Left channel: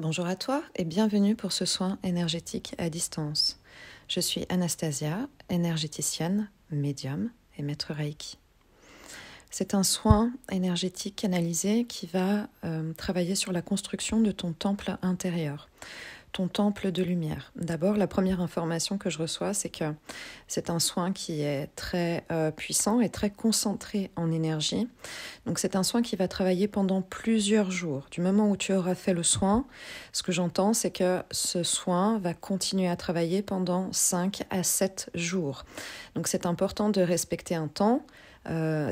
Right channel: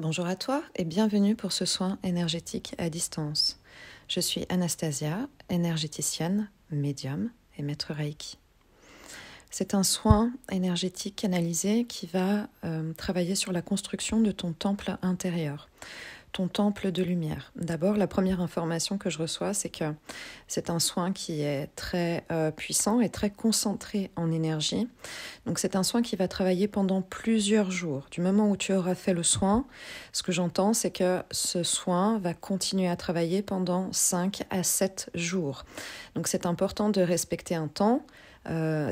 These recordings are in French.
Bonjour à toi et bienvenue pour ce soin énergétique à distance. Je suis Anastasia, énergéticienne, médium et maître Reiki. C'est un soin énergétique canalisé qui va travailler sur la construction de ton temple intérieur, ton temple de lumière. D'abord, la première information que je reçois, c'est que c'est un soin qui est très puissant et très concentré en énergie. Donc c'est un soin qui va travailler pendant plusieurs jours. Du moment où tu auras fait le soin, ce que j'entends, c'est que ce soin va continuer à travailler pendant 5 à 7 jours. Donc c'est important de respecter un temps.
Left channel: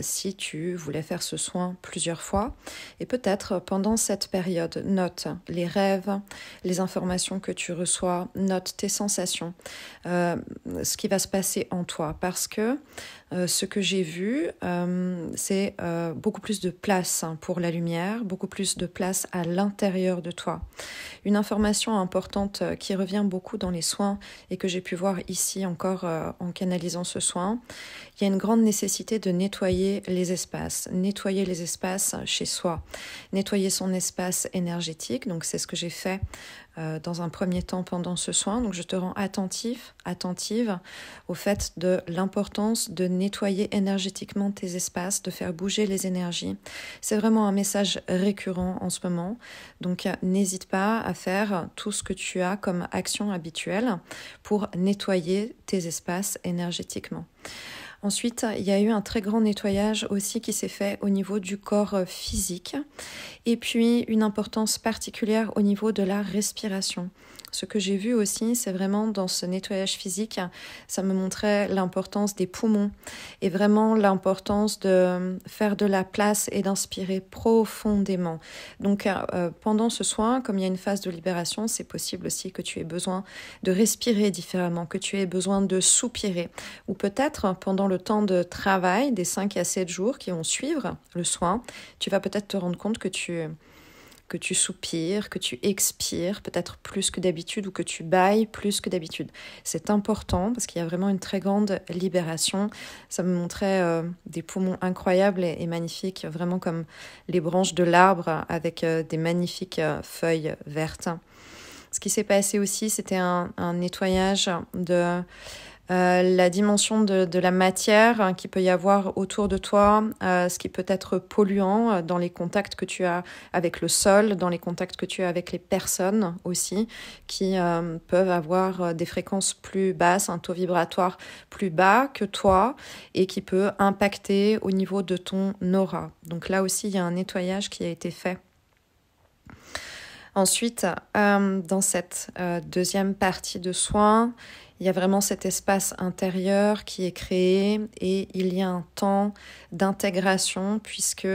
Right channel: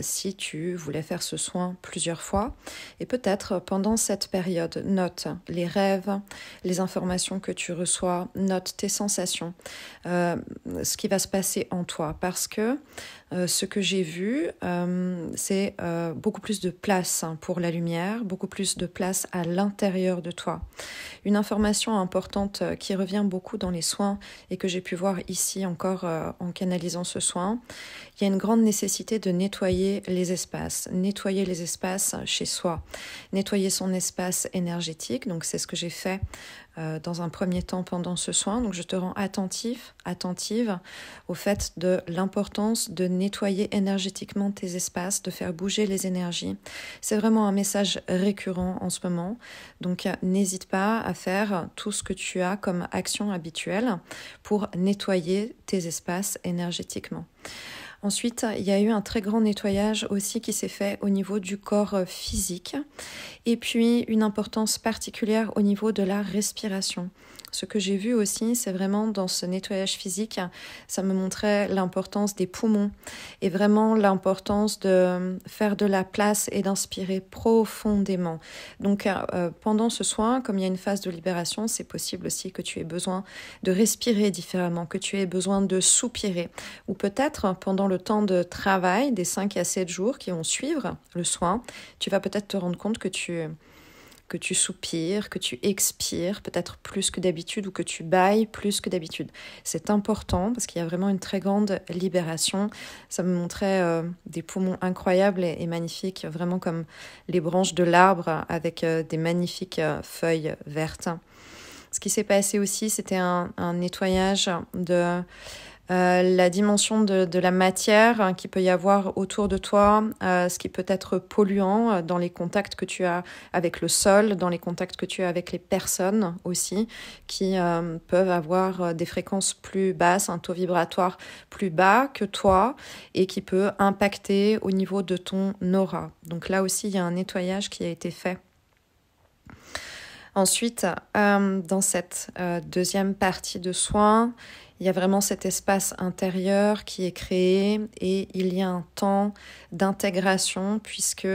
Si tu voulais faire ce soin plusieurs fois. Et peut-être pendant cette période, note les rêves, les informations que tu reçois, note tes sensations, ce qui va se passer en toi. Parce que ce que j'ai vu, c'est beaucoup plus de place pour la lumière, beaucoup plus de place à l'intérieur de toi. Une information importante qui revient beaucoup dans les soins et que j'ai pu voir ici encore en canalisant ce soin, il y a une grande nécessité de nettoyer les espaces chez soi, nettoyer son espace énergétique. Donc c'est ce que j'ai fait dans un premier temps pendant ce soin. Donc je te rends attentive au fait de l'importance de nettoyer énergétiquement tes espaces, de faire bouger les énergies. C'est vraiment un message récurrent en ce moment. Donc n'hésite pas à faire tout ce que tu as comme action habituelle pour nettoyer tes espaces énergétiquement. Ensuite, il y a eu un très grand nettoyage aussi qui s'est fait au niveau du corps physique et puis une importance particulière au niveau de la respiration. Ce que j'ai vu aussi, c'est vraiment dans ce nettoyage physique, ça me montrait l'importance des poumons et vraiment l'importance de faire de la place et d'inspirer profondément. Donc pendant ce soin, comme il y a une phase de libération, c'est possible aussi que tu aies besoin de respirer différemment, que tu aies besoin de soupirer. Ou peut-être pendant le temps de travail des 5 à 7 jours qui vont suivre le soin, tu vas peut-être te rendre compte que tu soupires, que tu expires peut-être plus que d'habitude ou que tu bailles plus que d'habitude. C'est important parce qu'il y a vraiment une très grande libération. Ça me montrait des poumons incroyables et magnifiques, vraiment comme les branches de l'arbre avec des magnifiques feuilles vertes. Ce qui s'est passé aussi, c'était un nettoyage de la dimension de la matière qu'il peut y avoir autour de toi, ce qui peut être polluant dans les contacts que tu as avec le sol, dans les contacts que tu as avec les personnes aussi, qui peuvent avoir des fréquences plus basses, un taux vibratoire plus bas que toi et qui peut impacter au niveau de ton aura. Donc là aussi, il y a un nettoyage qui a été fait. Ensuite, dans cette deuxième partie de soins, il y a vraiment cet espace intérieur qui est créé et il y a un temps d'intégration puisque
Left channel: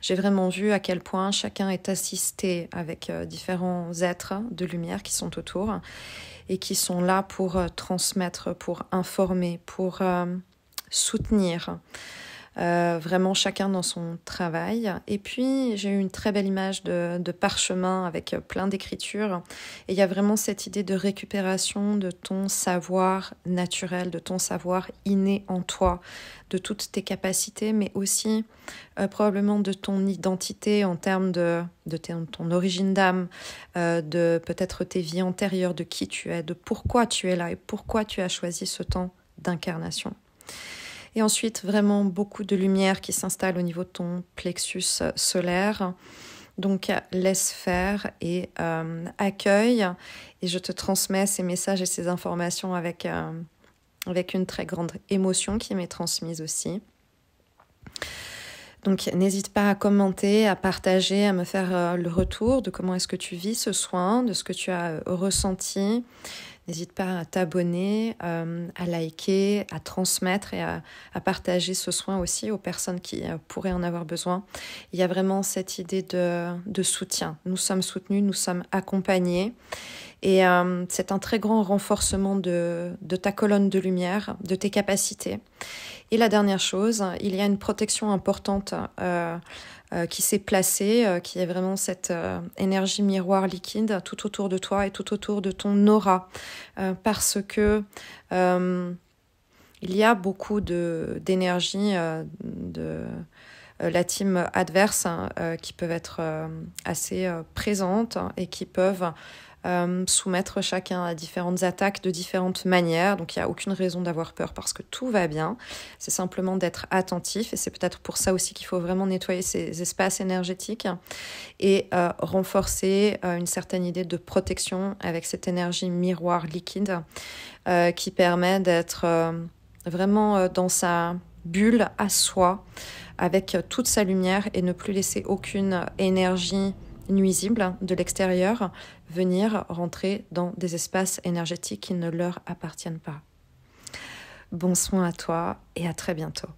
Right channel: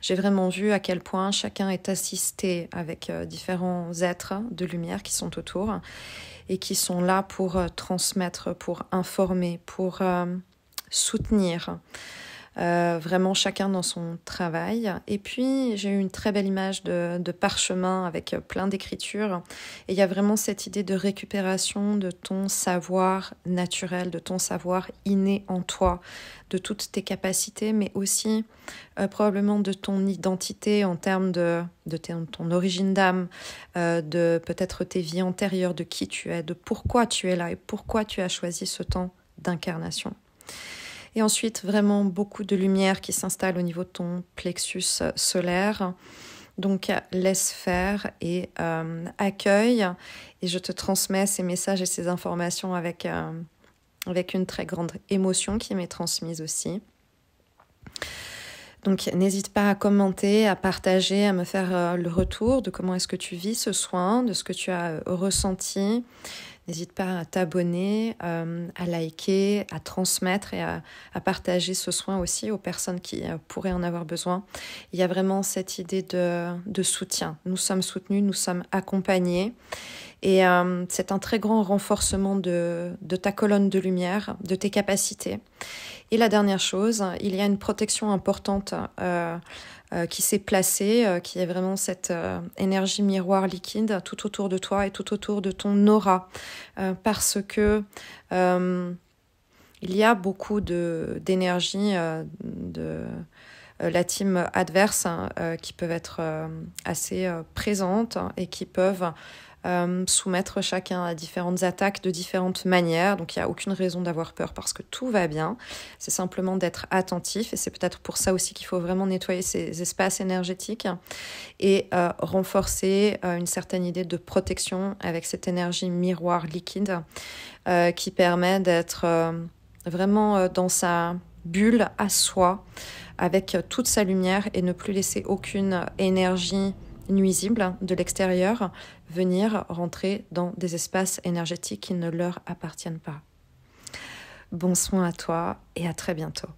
j'ai vraiment vu à quel point chacun est assisté avec différents êtres de lumière qui sont autour et qui sont là pour transmettre, pour informer, pour soutenir. Vraiment chacun dans son travail. Et puis j'ai eu une très belle image de parchemin avec plein d'écritures et il y a vraiment cette idée de récupération de ton savoir naturel, de ton savoir inné en toi, de toutes tes capacités, mais aussi probablement de ton identité en termes de ton origine d'âme, de peut-être tes vies antérieures, de qui tu es, de pourquoi tu es là et pourquoi tu as choisi ce temps d'incarnation. Et ensuite, vraiment beaucoup de lumière qui s'installe au niveau de ton plexus solaire. Donc, laisse faire et accueille. Et je te transmets ces messages et ces informations avec une très grande émotion qui m'est transmise aussi. Donc, n'hésite pas à commenter, à partager, à me faire le retour de comment est-ce que tu vis ce soin, de ce que tu as ressenti. N'hésite pas à t'abonner, à liker, à transmettre et à partager ce soin aussi aux personnes qui pourraient en avoir besoin. Il y a vraiment cette idée de soutien. Nous sommes soutenus, nous sommes accompagnés. Et c'est un très grand renforcement de ta colonne de lumière, de tes capacités. Et la dernière chose, il y a une protection importante qui s'est placée, qui est vraiment cette énergie miroir liquide tout autour de toi et tout autour de ton aura. Parce que il y a beaucoup d'énergie la team adverse qui peuvent être assez présentes et qui peuvent soumettre chacun à différentes attaques de différentes manières. Donc il n'y a aucune raison d'avoir peur parce que tout va bien. C'est simplement d'être attentif et c'est peut-être pour ça aussi qu'il faut vraiment nettoyer ces espaces énergétiques et renforcer une certaine idée de protection avec cette énergie miroir liquide qui permet d'être vraiment dans sa bulle à soi avec toute sa lumière et ne plus laisser aucune énergie nuisible de l'extérieur venir rentrer dans des espaces énergétiques qui ne leur appartiennent pas. Bon soin à toi et à très bientôt.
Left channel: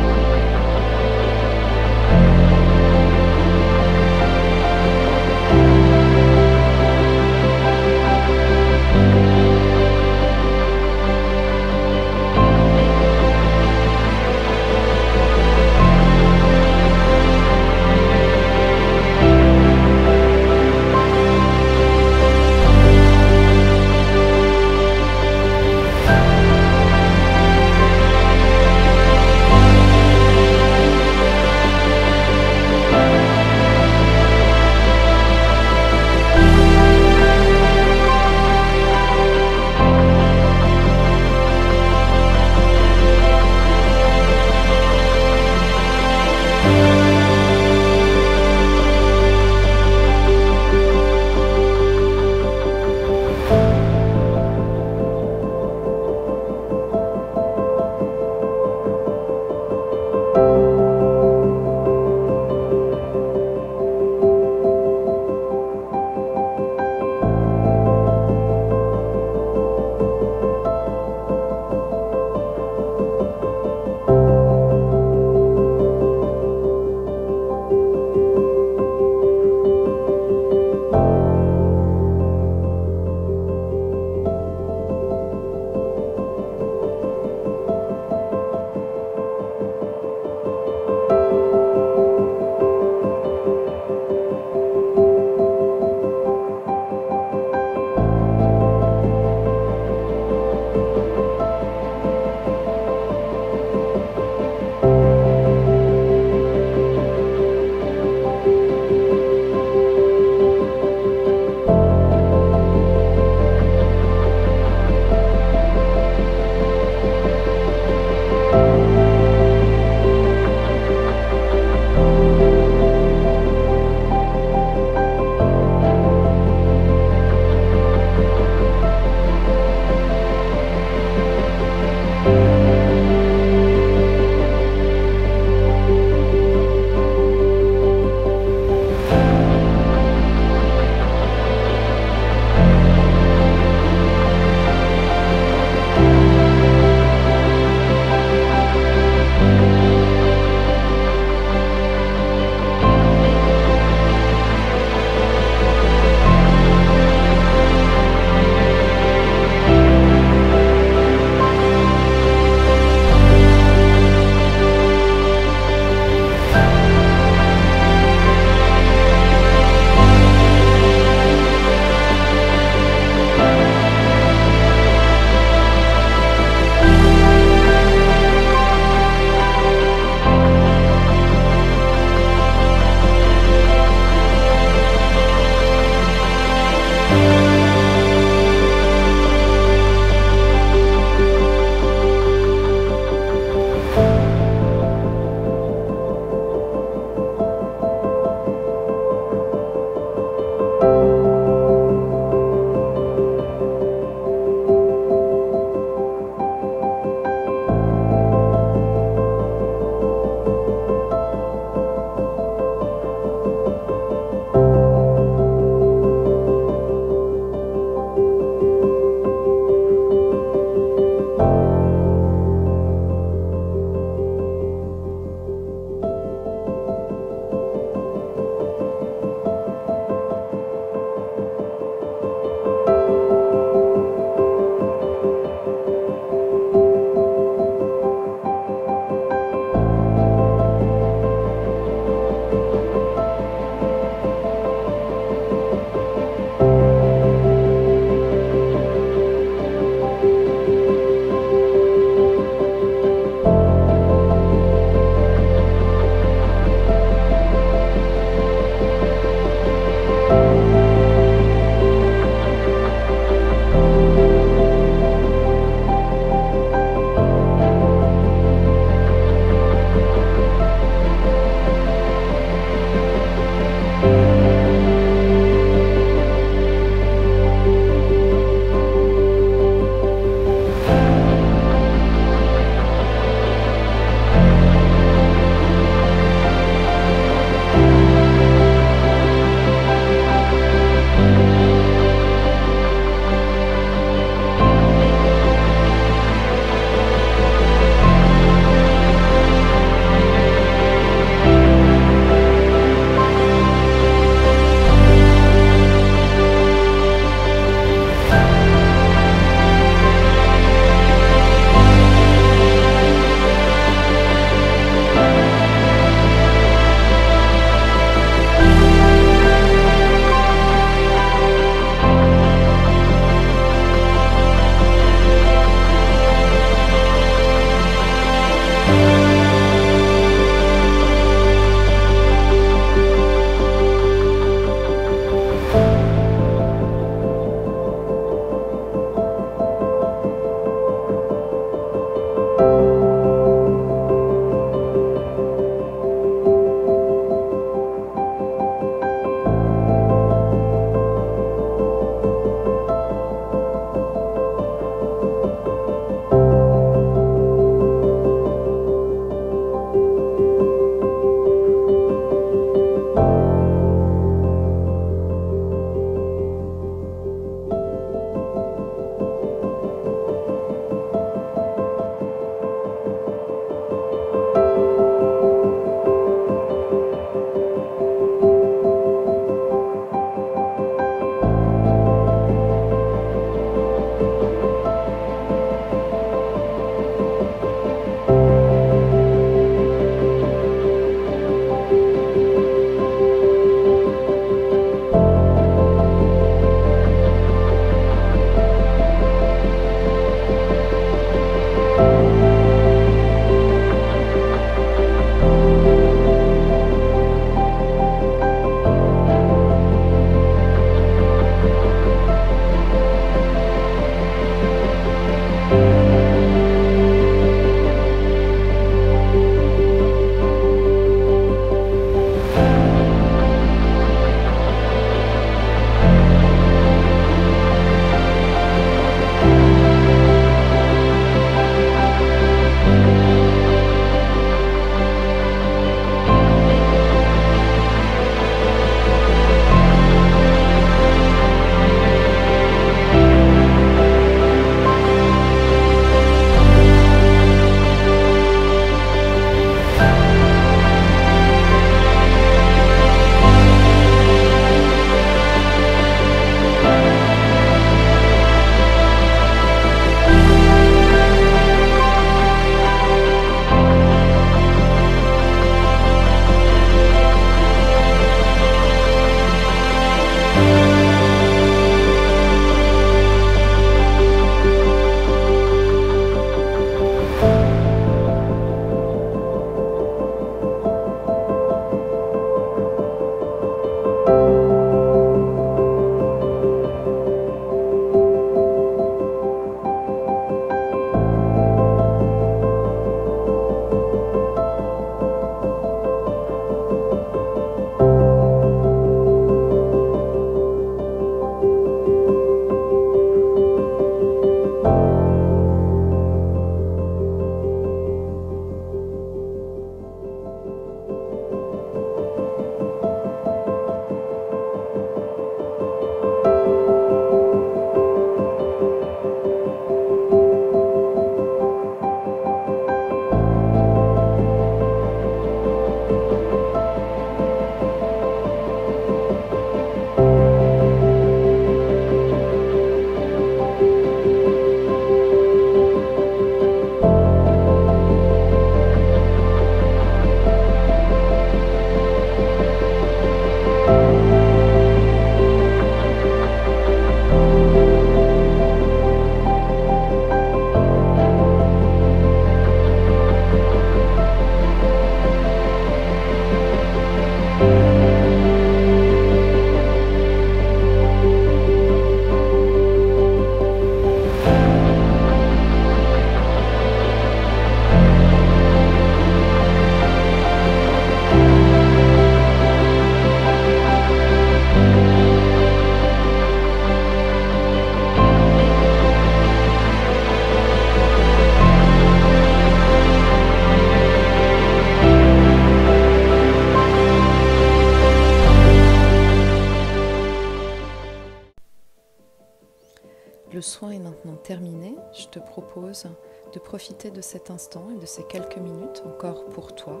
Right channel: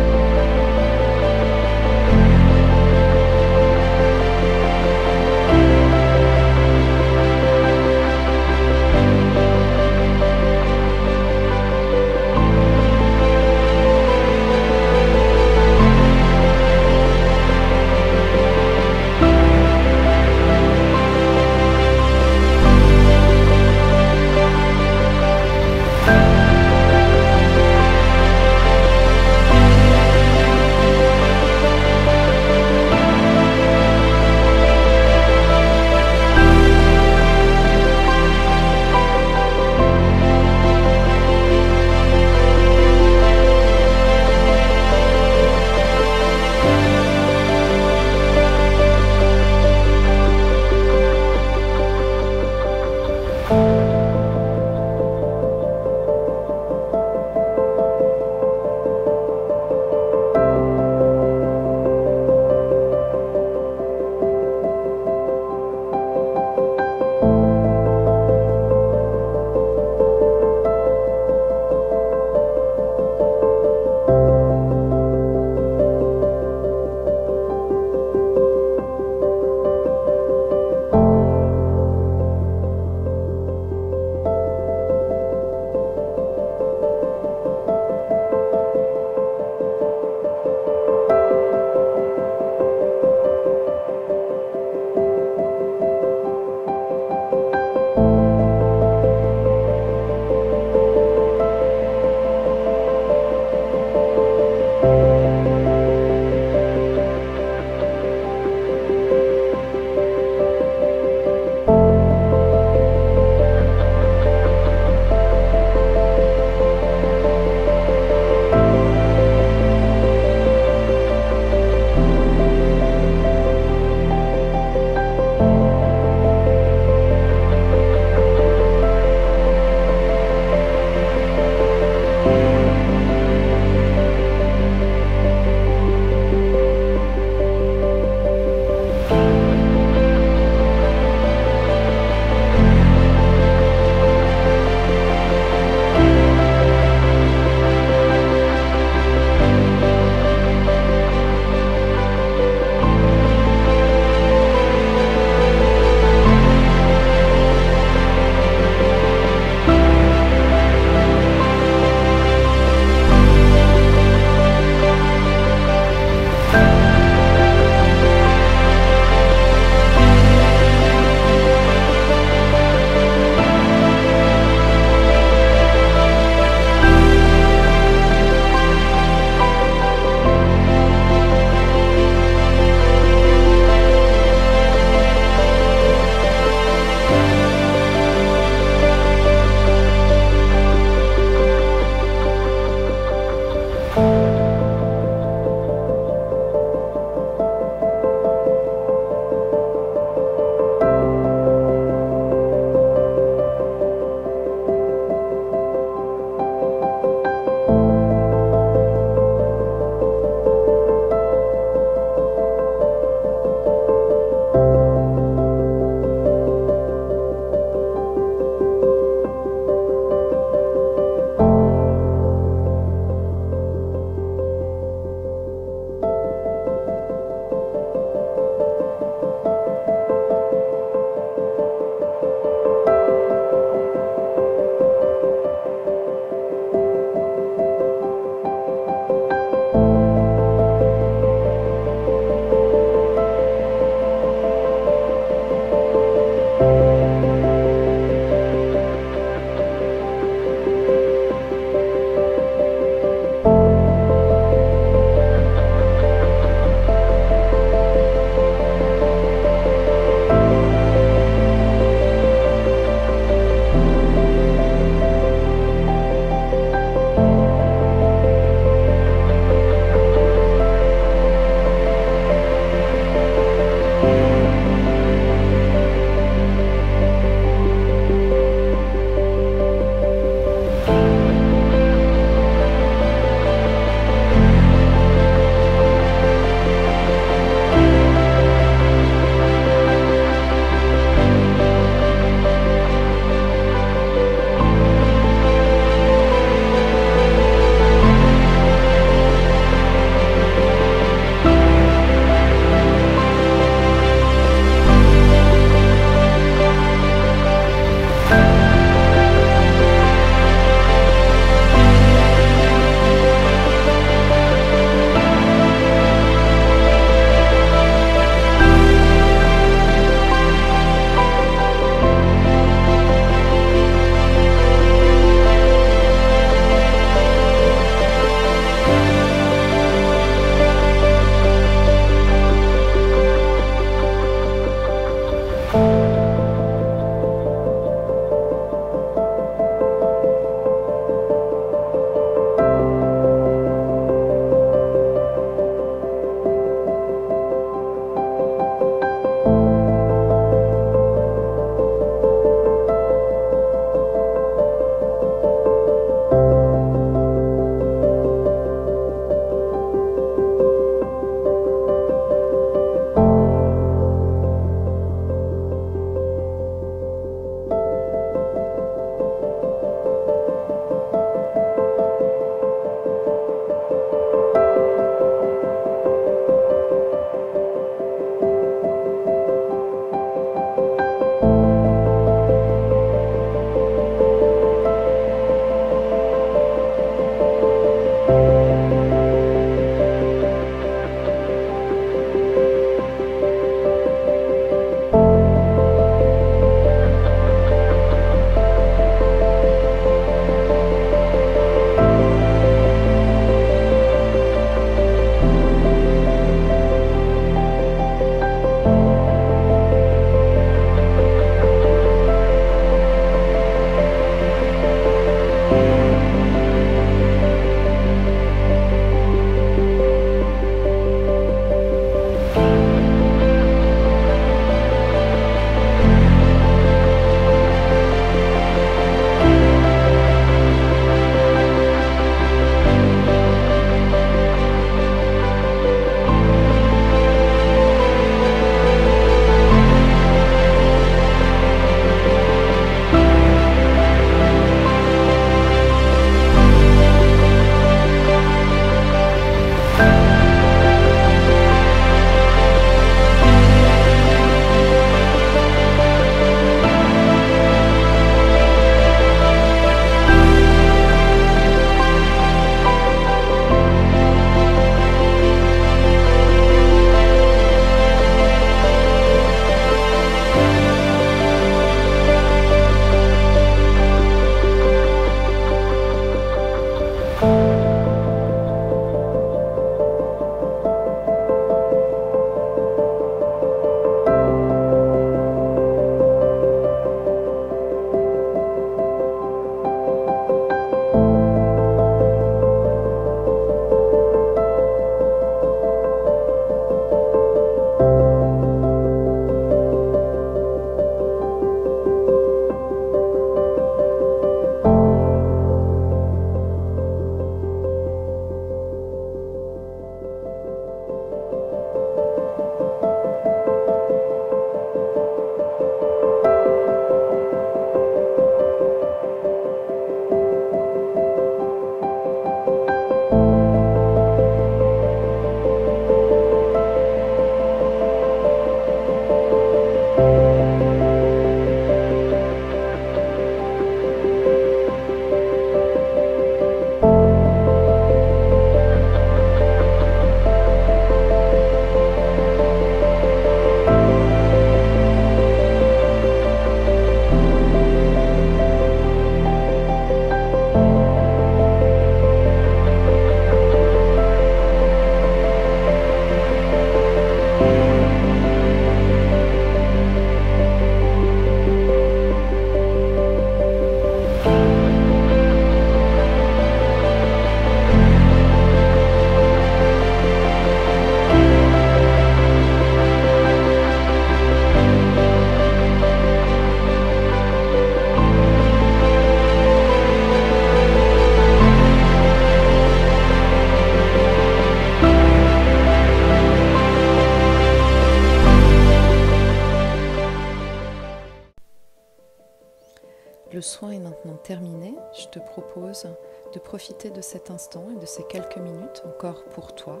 Le soin est maintenant terminé. Je te propose de profiter de cet instant et de ces quelques minutes encore pour toi,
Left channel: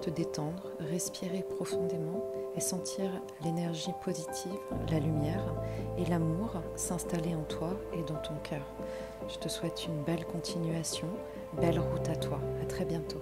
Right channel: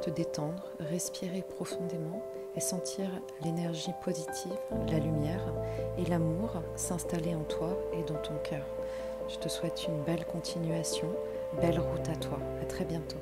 te détendre, respirer profondément et sentir l'énergie positive, la lumière et l'amour s'installer en toi et dans ton cœur. Je te souhaite une belle continuation, belle route à toi. À très bientôt.